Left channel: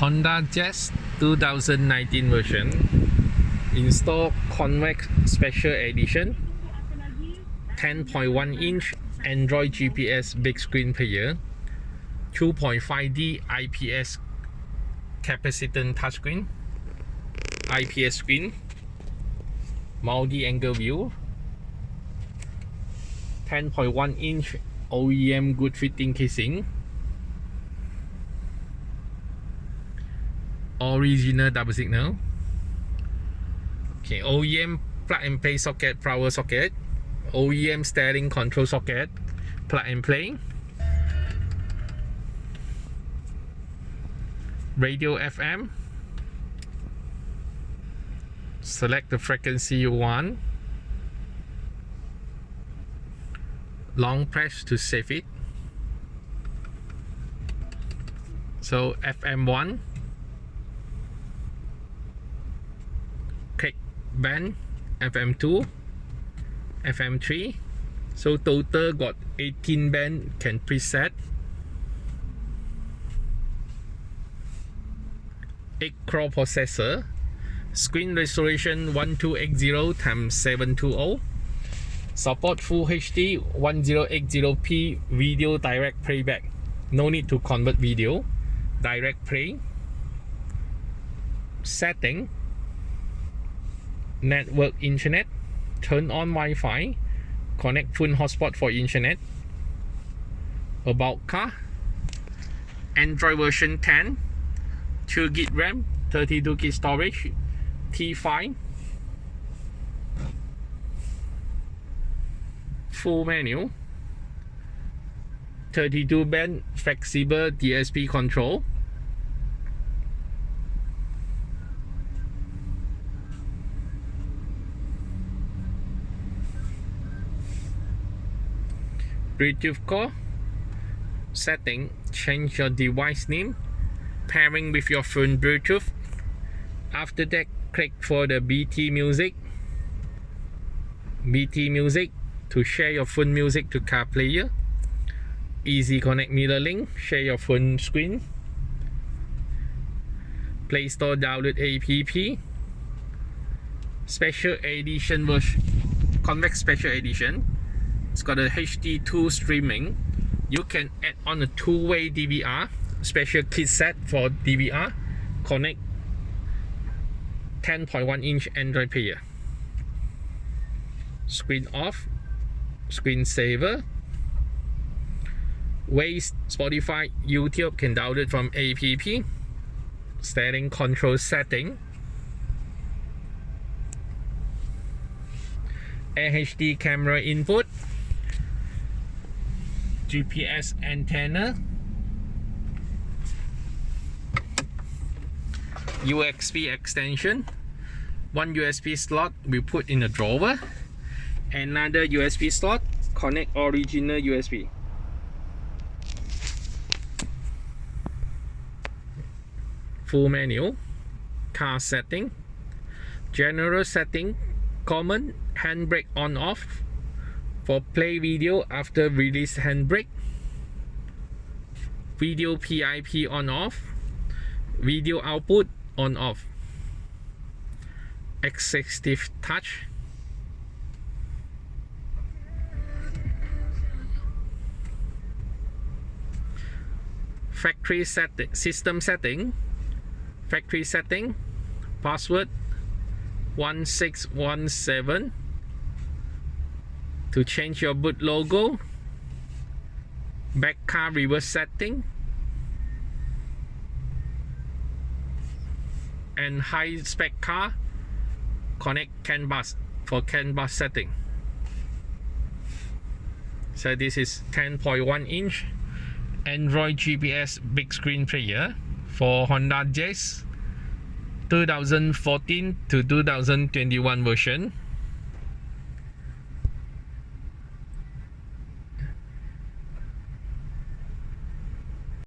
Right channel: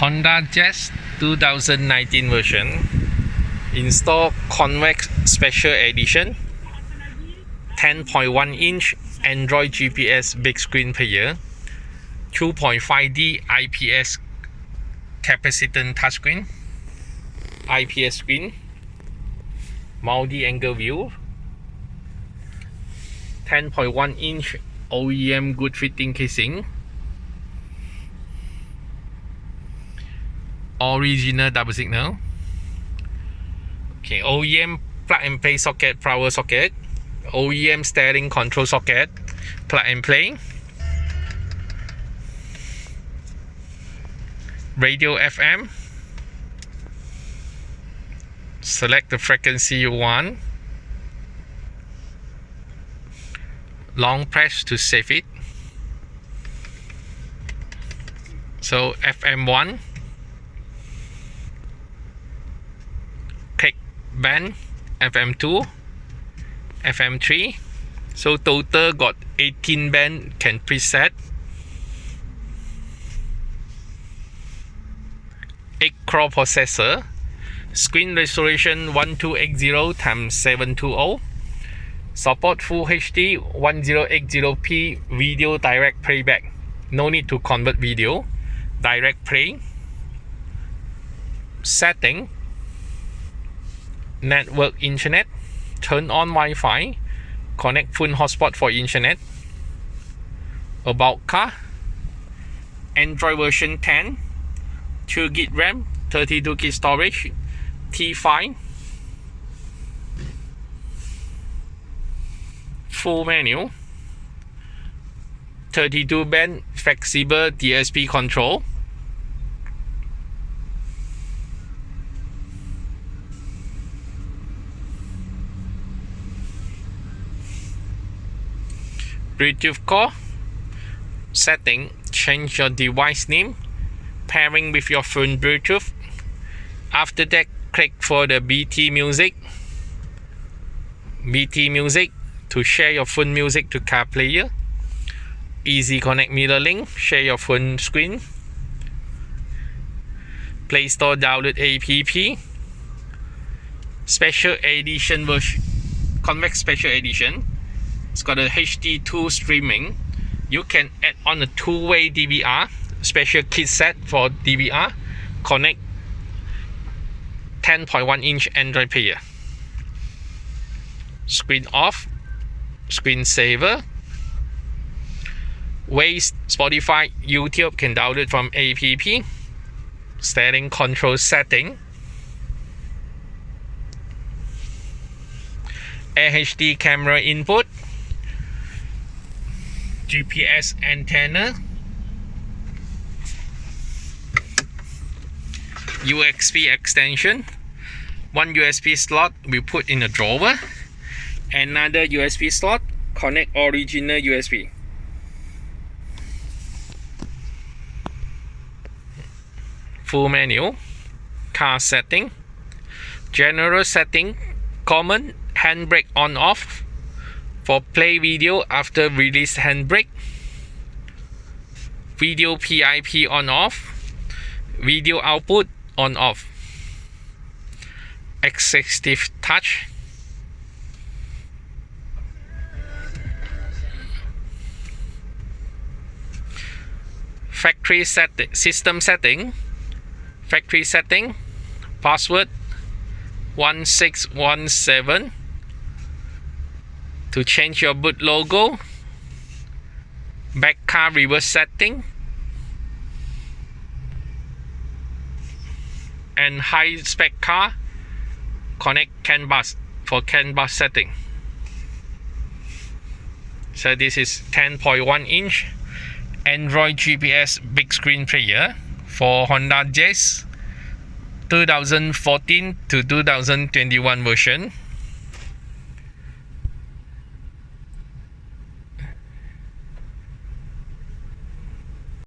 Honda Jazz 2019 version. Install Convex Special Edition. 10.1 inch Android GPS big screen player. 2.5D IPS Capacitance Touch screen. IPS screen. Multi-angle view. 10.1 inch OEM good fitting casing. Original double signal. Okay, OEM plug and play socket, power socket. OEM steering control socket, plug and play. Radio FM. Select the frequency you want. Long press to save it. So FM1. Click band. FM2. FM3. So total got 18 band can preset. 8-core processor. Screen resolution 1280 x 720. Support Full HD 1080p video direct playback. No need to convert video. Direct play. Setting. Network internet. Turn on Wi-Fi. Connect phone hotspot for internet. About car. Android version 10. 2GB RAM. 32GB storage. T5. Full menu. 32 band flexible DSP control. Bluetooth core. Setting. Change your device name. Pairing with your phone Bluetooth. After that, click for the BT music. BT music to share your phone music to car player. Easy connect mirror link. Share your phone screen. Play Store download app. Special edition version. Convex Special Edition. It's got a HD2 streaming. You can add on a two-way DVR. Special kit set for DVR. Connect 10.1 inch Android player. Screen off. Screen saver. Waze, Spotify, YouTube can download from app. Steering control setting. HD camera input. GPS antenna. USB extension. One USB slot we put in a drawer. Another USB slot. Connect original USB. Full menu. Car setting. General setting. Common. Handbrake on off. For play video after release handbrake. Video PIP on off. Video output on off. Executive touch. Factory system setting. Factory setting. Password 1617. To change your boot logo. Back car reverse setting. And high spec car. Connect CAN bus for CAN bus setting. So this is 10.1 inch Android GPS big screen player for Honda Jazz 2014 to 2021 version.